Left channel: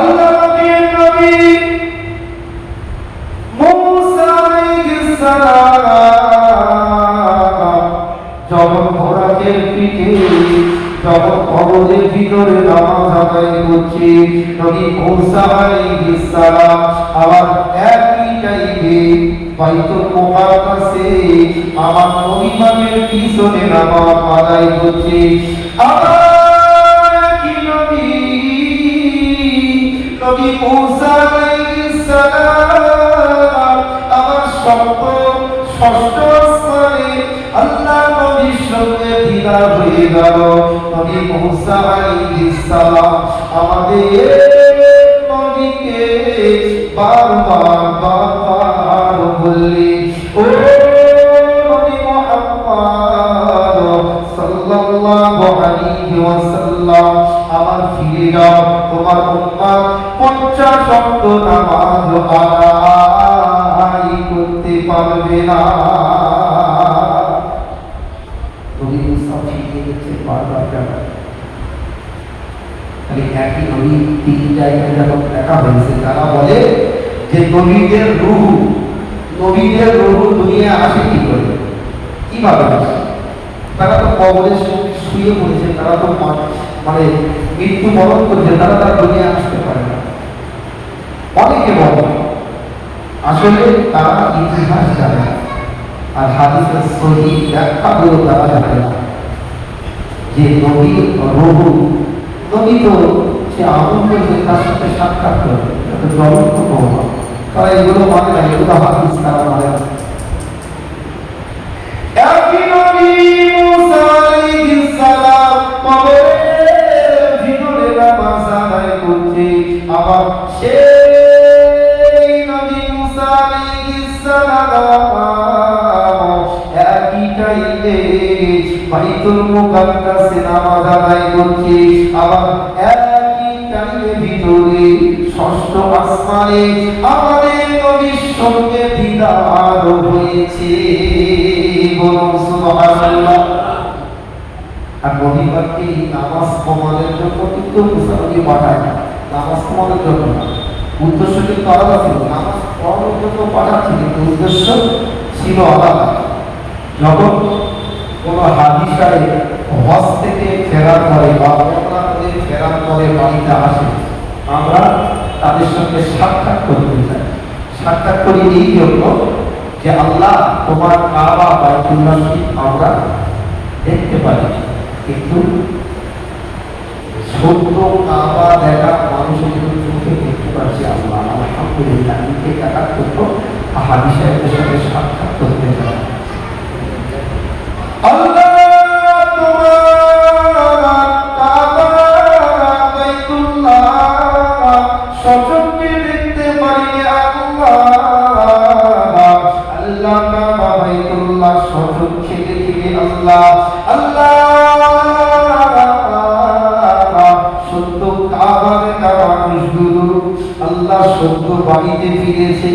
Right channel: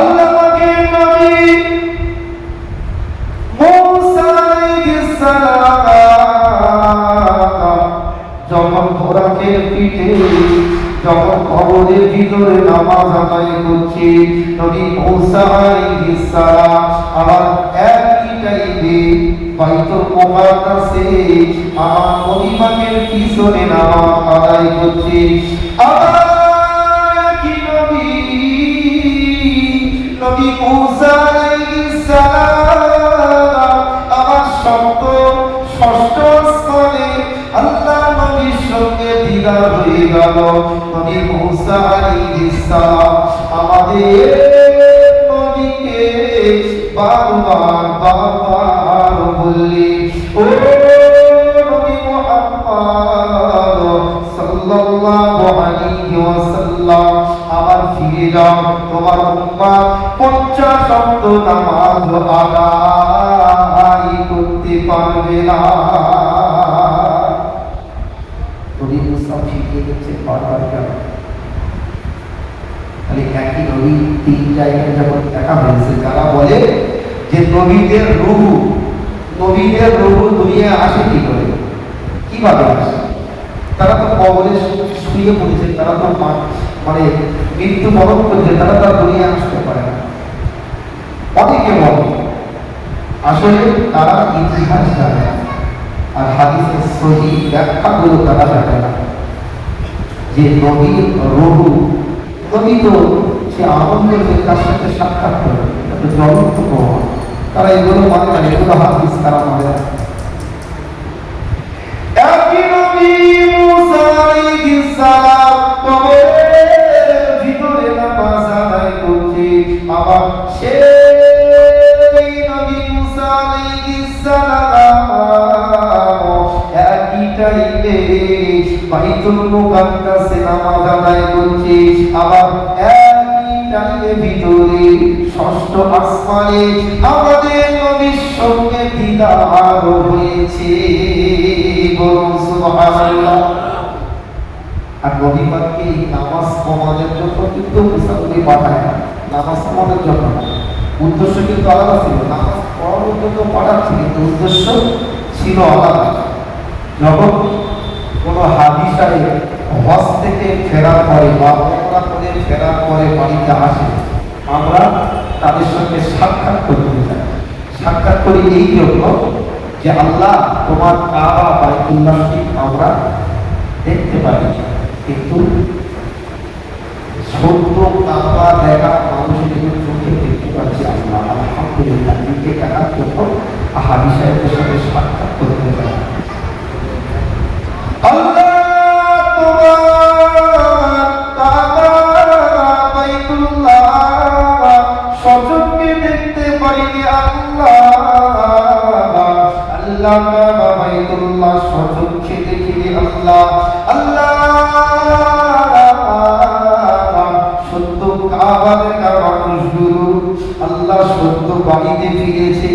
আল্লাহ নবীর নবী মুসা আলাইহিস সালাম যখন ঘোড়াকে পিঠে যখন কবরের ভিতরে নামাজ আদায় করছে, নবী মুসা আলাইহিস সালাম আবার একই টাইমে বাইতুল মুকাদ্দাসে আমার নবী পাকের পিছনে নামাজ আদায় করছে। আবার কি নবী মুসা আলাইহিস সালাম আমার ষষ্ঠ স্থানে আল্লাহ নবীর সঙ্গে দিদার হয়ে গেল। নবী মুসা আলাইহিস সালাম আমাদের নবীকে বারবার বললেন, ও নবী মুহাম্মদ সাল্লাল্লাহু আলাইহি ওয়াসাল্লাম, আবার ফিরে যাও, তোমার উম্মত 50 ওয়াক্ত নামাজ আদায় করতে পারবে না। নবী মুসা ফিরে গেছে বারবার কেন? তাহলে একই নবী 3 জায়গায় যখন দেখা হয়েছে, যারা বলে যে নবীদের রূহ দুনিয়া আসে কি করে, কিভাবে আসে? তারা তো কবরে শুয়ে পড়েছে, তারা তো মানে মৃত্যু বরণ করছে, তারা তার দুনিয়া আসতে পারে না। অনেকে বলে আসলে তারা ইতিহাস জানে আর হাদিসের সহিহ ব্যাখ্যাগুলো তারা জানে না, যে নবীর রূহ, নবী তো সে আমল করছে, তার সাথে সাক্ষাৎ করে জ্বলন্ত প্রমাণ, তারা এগুলো মানে না, এগুলো হাদিস তারা মানে না। একই নবী মুসা আলাইহিস সালাম কবরের ভিতরে নামাজ আদায় করছে, আবার সেই নবী মুসা আলাইহিস সালাম একই টাইমে বাইতুল মুকাদ্দাসে নামাজ আদায় করছে, আবার একই টাইমের ভিতরে ষষ্ঠ আসমানে আমাদের নবীর সঙ্গে দিদার হয়েছে। বলুন সুবহানাল্লাহ। আর নবী পাককে নামাজ পড়ানোর জন্য কিন্তু মুসা নবী পাঠায় না, নামাজ পড়ানোর জন্য উদ্দেশ্য কিন্তু আলাদা ছিল, নামাজ পড়ানোর জন্য পাঠাচ্ছে, কিন্তু উদ্দেশ্য ছিল আলাদা। যখন কোনো হাজী সাহেব হজ থেকে ফেরার পরে বা ওমরা করে ফেরার পরে বাড়িতে আসে, আমরা তাদের সঙ্গে সাক্ষাৎ করতে চাই। সাক্ষাৎ করি এই জন্য যে আল্লাহ তোমার কাবা বাইতুল্লাহ শরীফ আমরা দেখতে পারি, কিন্তু ছোট্ট কাবা দেখা মানুষের কিন্তু চোখে দেখতে পাচ্ছি। আল্লাহ আলহামদুলিল্লাহ, নিজে টাকা করবো হাজী সাহেবের সঙ্গে সাক্ষাৎ করতে চাই। আল্লাহ তোমার কাবা বাইতুল্লাহ সচক্ষে দেখতে পারি। আল্লাহ কাবা বাইতুল্লাহ সচক্ষে দেখিবে। আল্লাহ সত্য কাবা দেখা মানুষগুলো আল্লাহ সত্য বাড়িতে ফিরেছে।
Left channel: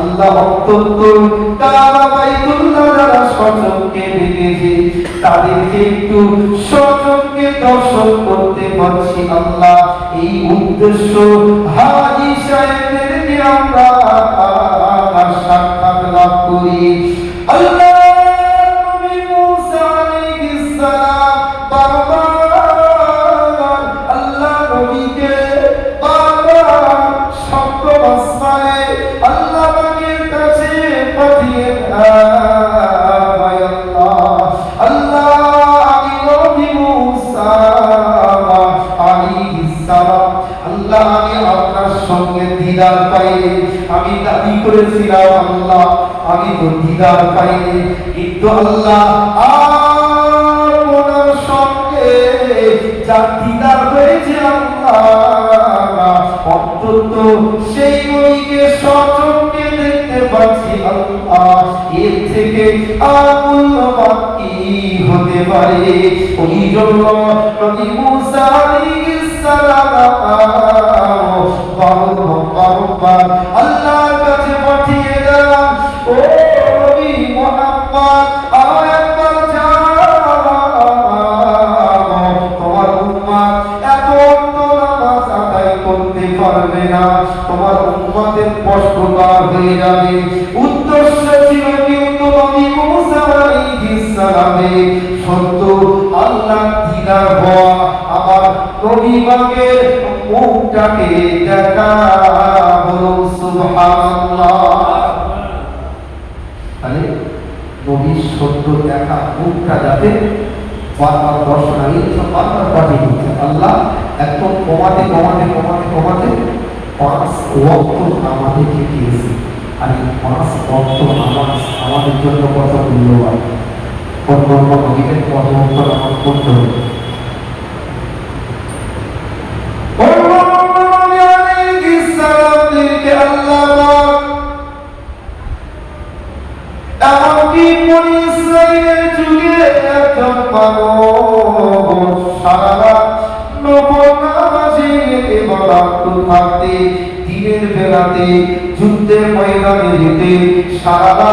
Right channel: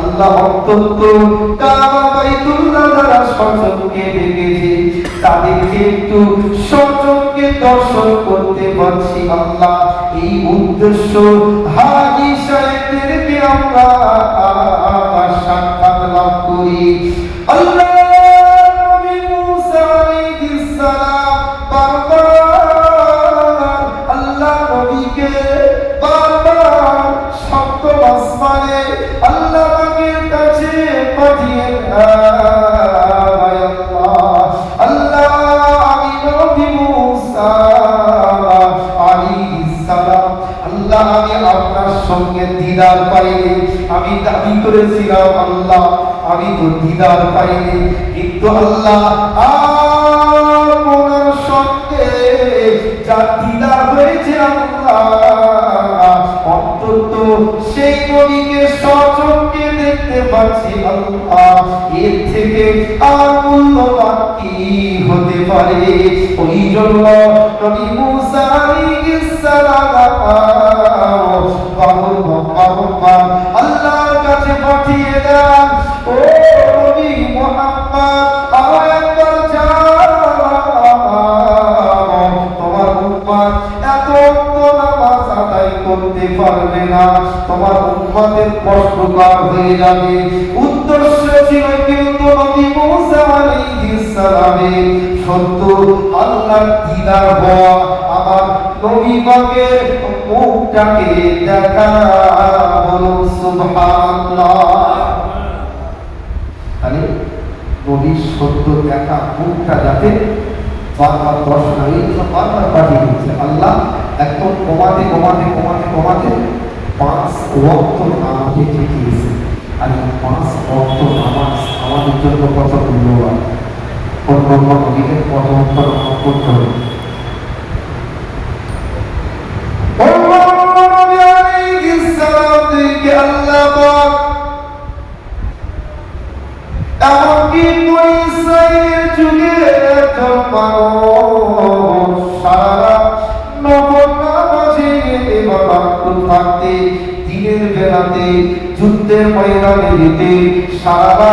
আল্লাহ অত্যন্ত কাবা বাইতুল্লাহ যারা সচক্ষে দেখেছে তাদেরকে একটু সচক্ষে দর্শন করতে পারছি। আল্লাহ এই উদ্দেশ্য হাজী সাহেবদেরকে আমরা সাক্ষাৎ লাভ করি। আল্লাহ নবী মুসা আলাইহিস সালাম বারবার আল্লাহ নবীকে বারবার সপ্তম আসমানে আল্লাহ পাকের কাছে পাঠিয়ে দিদার পাইলে, আমি দাবি করেছিলাম আল্লাহ আমি তো দিদার পাইনি, কিন্তু আল্লাহ আপনার সঙ্গে যা দিদার হয়েছে আল্লাহ অন্তত সেই নবীকে সচক্ষে দেখতে পাচ্ছি। আল্লাহ এর থেকে আর মূল্যবান কি হতে পারে? ওই জন্য নবী মুসা আলাইহিস সালাম আল্লাহর কাছে পাঠিয়ে দেন, ও নবী মুহাম্মদ আর একবার যাও, তোমার উম্মত এত নামাজ আদায় করতে পারবে না, তোমার উম্মতের কষ্টকর হয়ে যাবে। উদ্দেশ্য ছিল কিন্তু নবী মুসা আলাইহিস সালামের সত্য আল্লাহ দিদার হওয়া, আমার নবী পাকের মুখটাকে দেখা। বলো সুবহানাল্লাহ। তাহলে নবীর সত্য দেখা মুখটা যাতে বারবার দর্শন হয়, এই জন্য বারবার পাঠিয়ে দিচ্ছে আল্লাহ। এখন কমাতে কমাতে কমাতে কমাতে 5 ওয়াক্ত নামাজে শিখিয়েছে। আর এই 5 ওয়াক্ত নামাজ আমাদের জন্য কত মূল্যবান, কোন নবীদের কত ওয়াক্ত নামাজ পড়তে হবে। এমনকি বনি ইসরাইলের যুগে একজন মানুষ সারা নফল নামাজে ইবাদত করতে, দিনের বেলাতে যুদ্ধের ময়দানে যেতে সারা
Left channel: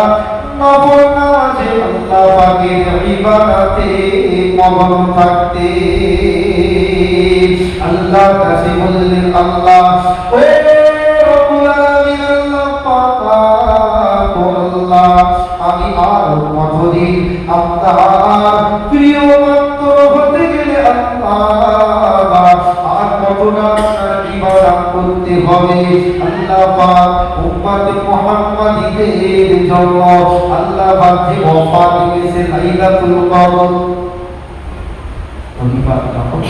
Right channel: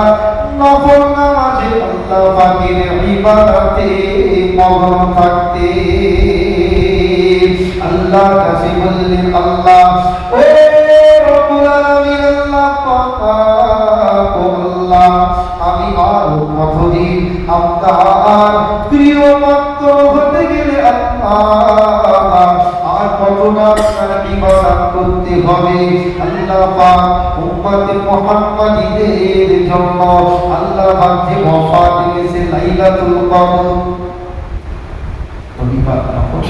নফল নামাজে আল্লাহ পাকের ইবাদতে মগ্ন থাকতে। আল্লাহ কাছে বললেন, আল্লাহ ও রব্বুল আলামিন, আল্লাহ পাক আল্লাহ, আমি আর কতদিন আপনার প্রিয় ভক্ত হতে গেলে আল্লাহ আর কতটা আপনার ইবাদত করতে হবে। আল্লাহ পাক উম্মতে মুহাম্মাদীদের জন্য আল্লাহ পাক যে ওয়াফাত দিয়েছে লাইলাতুল কদর, নবী পাক যখন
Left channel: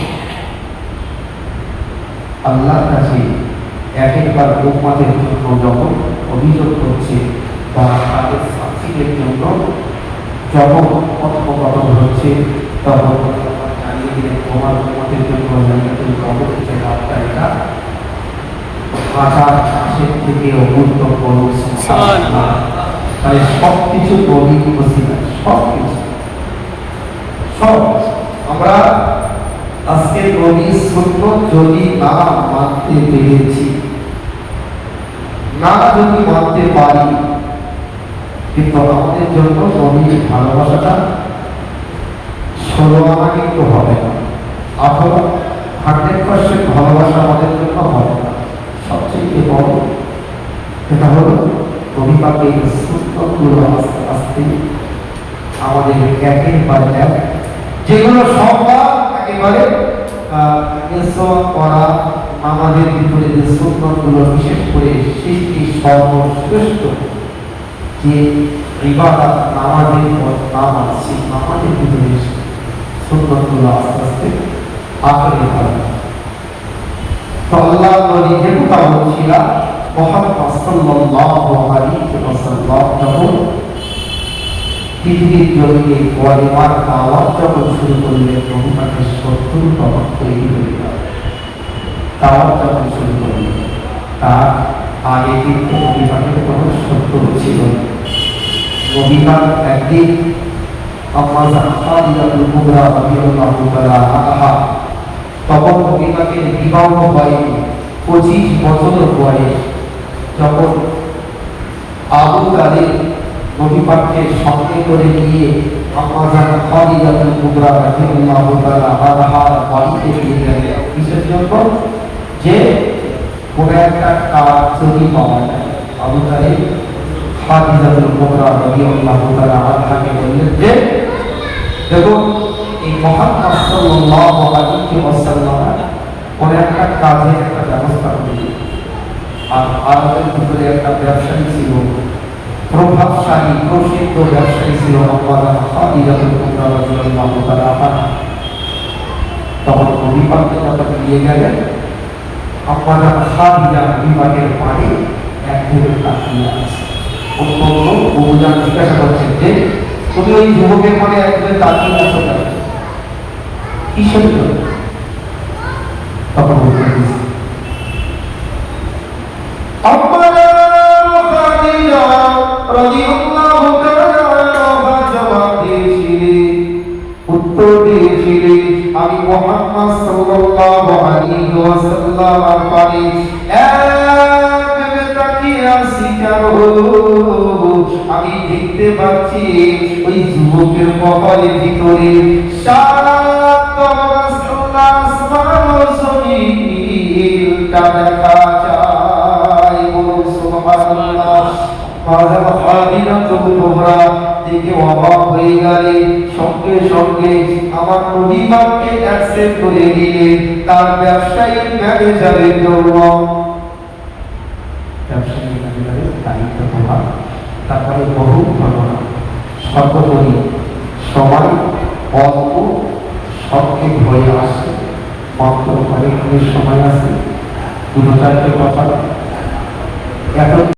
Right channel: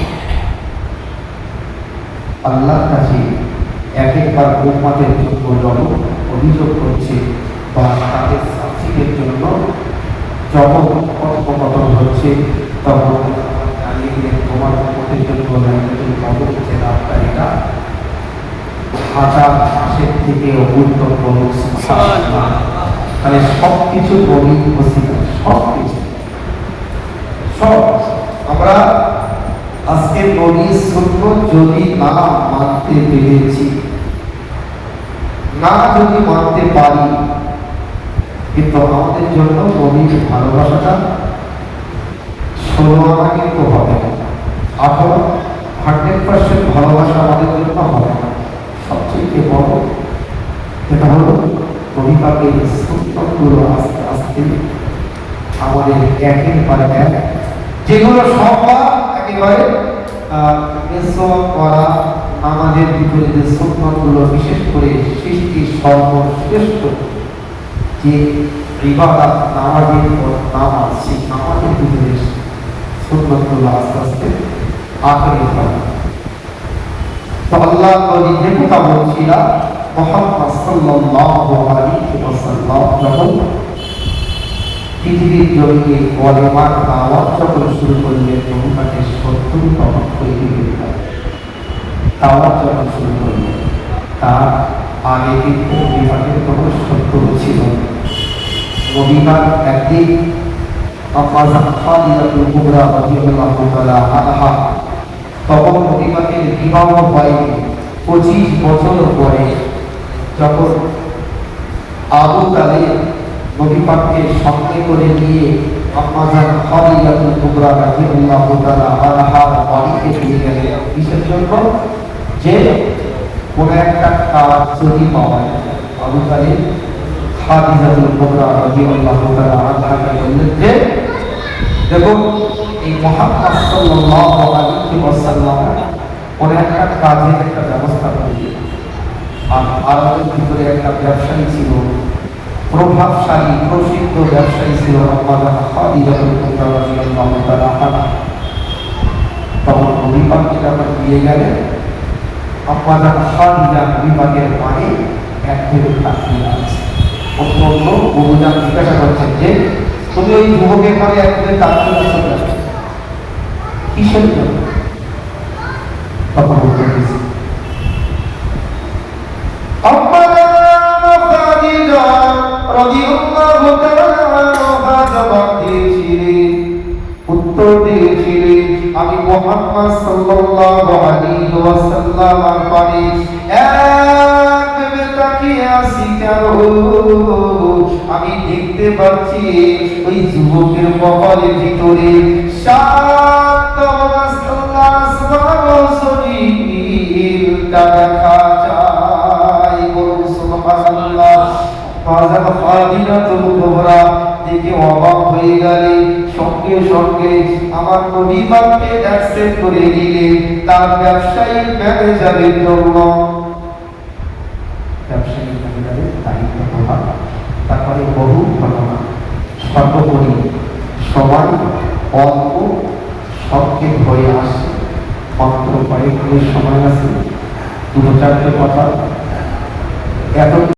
আল্লাহর কাছে একবার উম্মতের জন্য যখন অভিযোগ করছে বা তাদের শাস্তির জন্য যখন কথোপকথন হচ্ছে, তখন জানিয়ে দিলেন তোমার উম্মতের জন্য লাইলাতুল কদর হচ্ছে রাতটা, এটা 1000 মাসের থেকে গুরুত্বপূর্ণ। তাহলে সবকিছু বলি উপস্থিত, সবকিছু সব আমরা আজকের নবীর সত্য যদি না মানতে পেরেছি, না যদি মানতে পারি, কিন্তু আমাদের জন্য নবীর ভালোবাসাটা 16 আনা কিন্তু হবে না। এখন 100% ভালোবাসা আমাদের জন্য হবে না। সবচেয়ে বড় এটা হলো নবী পাকের সত্যগুলো আস্তে আস্তে আমাদের একের পর এক, যেগুলো সবার একেবারে করা আমাদের ভিতরে যে সুন্নতগুলো, বিশেষ করে সৃষ্টির সর্বশ্রেষ্ঠ যে ইবাদত নামাজের পর নামাজ, সেই নামাজের ভিতরে সুন্নতগুলো আস্তে আস্তে আঁকড়ে থাকে। তো আল্লাহ নবী যে কথা বলছিলাম, মুহাম্মদ সাল্লাল্লাহু আলাইহি ওয়াসাল্লাম যখন পৃথিবীর জমিনে কলেমার দাওয়াত যখন শুরু করলেন, নবী পাকের 70 তখন তৈরি হয়ে গেল। দাওয়াত যখন শুরু করলেন, তার আগে কিন্তু নবী পাকের কোনো 70 ছিল। নবী পাক একদিন আম্মাজান খাদিজাতুল কুবরা রাদিয়াল্লাহু তাআলা আনহা, তখন নবী পাকের বিবাহ হয়নি, 25 বছর বয়স, যখন আবু তালিব নবী পাককে সঙ্গে করে নিয়ে আম্মাজান খাদিজাতুল কুবরা রাদিয়াল্লাহু তাআলা আনহার বাড়িতে নিয়ে গেলেন। কিসের জন্য? যে কোন একটা কাজ যদি পাওয়া যায়। আবু তালিব খাদিজাতুল কুবরা রাদিয়াল্লাহু তাআলা আনহাকে বললেন যে, দেখো এই মুহাম্মদ সাল্লাল্লাহু আলাইহি ওয়াসাল্লাম কোন একটা কাজের একটা ব্যবস্থা করলেন। আর আরবের ভিতরে একটা ব্যবসায়ী ছিল, প্রভাবশালী প্রসিদ্ধ ব্যবসায়ী ছিল আম্মাজান খাদিজাতুল কুবরা রাদিয়াল্লাহু তাআলা আনহা। তখন নবী পাককে যখন নিয়ে গেলেন, আম্মাজান খাদিজা নবী পাকের পায়ে একদিকে তাকিয়ে আছে। অন্য বহুজান জিজ্ঞাসা করছেন যে, তুমি ওই যুবকের পরে একদিকে তাকিয়ে আছো কেন, কিসের জন্য? তখন বলতে দিয়েছি উত্তর দিয়েছিলেন, আমি মুহাম্মদ সাল্লাল্লাহু আলাইহি ওয়াসাল্লামের পানে একভাবে তাকিয়ে আছি কেন? আমি দেখতে পাচ্ছি ওই যুবকের কপালের ভিতরে 7 আসমানের জমিনটা দেখা হাজার খাদিজাতুল কুবরা দেখে অবাক হয়ে গেলে সঙ্গে সঙ্গে আমার নবী পাককে অ্যাকসেপ্ট করে নিলে তার ব্যবসায়িক ম্যানেজারের জন্য। ব্যবসায়িক ম্যানেজারের দায়িত্ব পাওয়া, তারপরে বহু ঘটনা। সর্বোপরি সবাই অল্প সবকে ঘরে আসে, মাত্র কয়েক সময় আছে, দুটো চারটে কথা এত